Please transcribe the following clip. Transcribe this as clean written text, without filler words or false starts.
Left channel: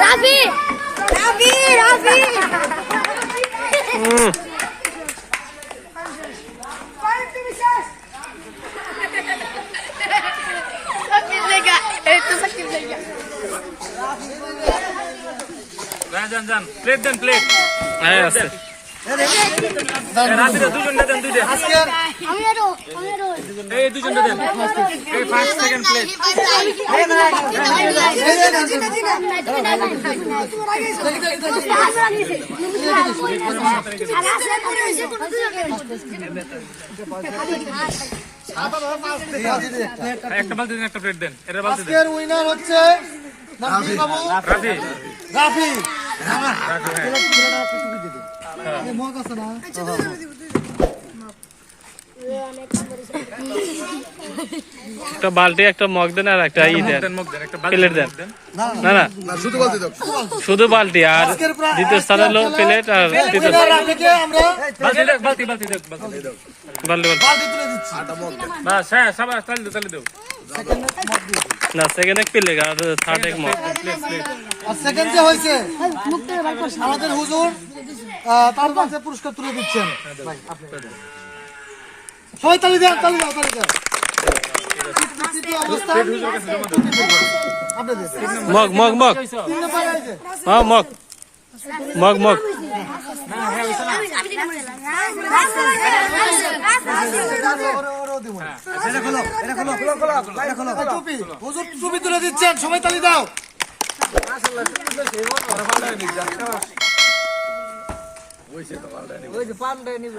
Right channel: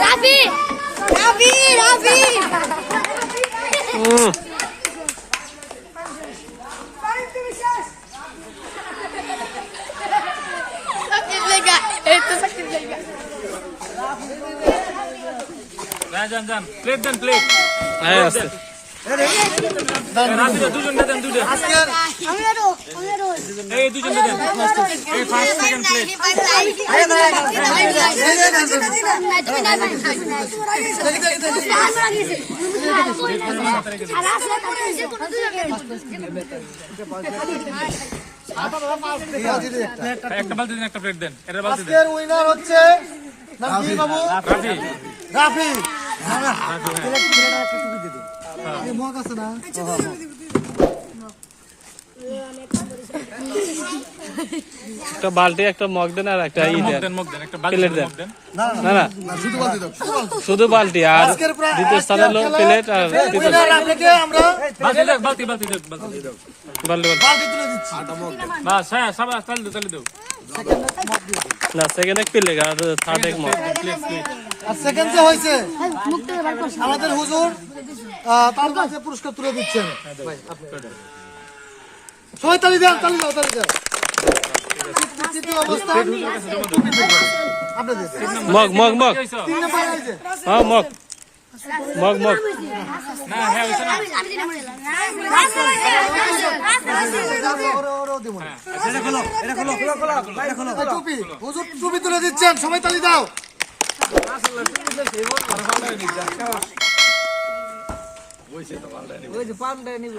রাফি রাফি রাফি যান প্লেট দেন প্লেট হ্যাঁ আছে দুজন না দেন দুইটা এই দুজন না দেন এই ফার্স্ট সেকেন্ড প্লেট একটা বালতি দেন একটা প্লেট দেন এর বালতি আজকের উইনার হচ্ছে নাকি বাবু রাফি না এই মগ আছে না একটা বালতি একটা মগ দেন আর একটা ই দেন প্লেট দেন না না শুধু বালতি আর দ্বিতীয় স্থানে হলো প্লেট আর তৃতীয় রাফিকে আমরা বালতি বালতি বালতি তুলে দিচ্ছি বাস হ্যাঁ সবাই তালে দাও না সেকেন্ড এক প্লেট আর থার্ড এক মগ আর সেকেন্ড যে হয়েছে আমাদের হুজুর তার কাছে পুরস্কার তুলে দিচ্ছেন সবাই তালি দাও তৃতীয় অবস্থা আপনাদের মগ মগ মগ 3 নাম্বার হয়েছে হ্যাঁ মগ মগ মগ টুপি হুজুর টুপি তুলে দিচ্ছেন সবাই তালি দাও ওই যে পামটা নিয়ে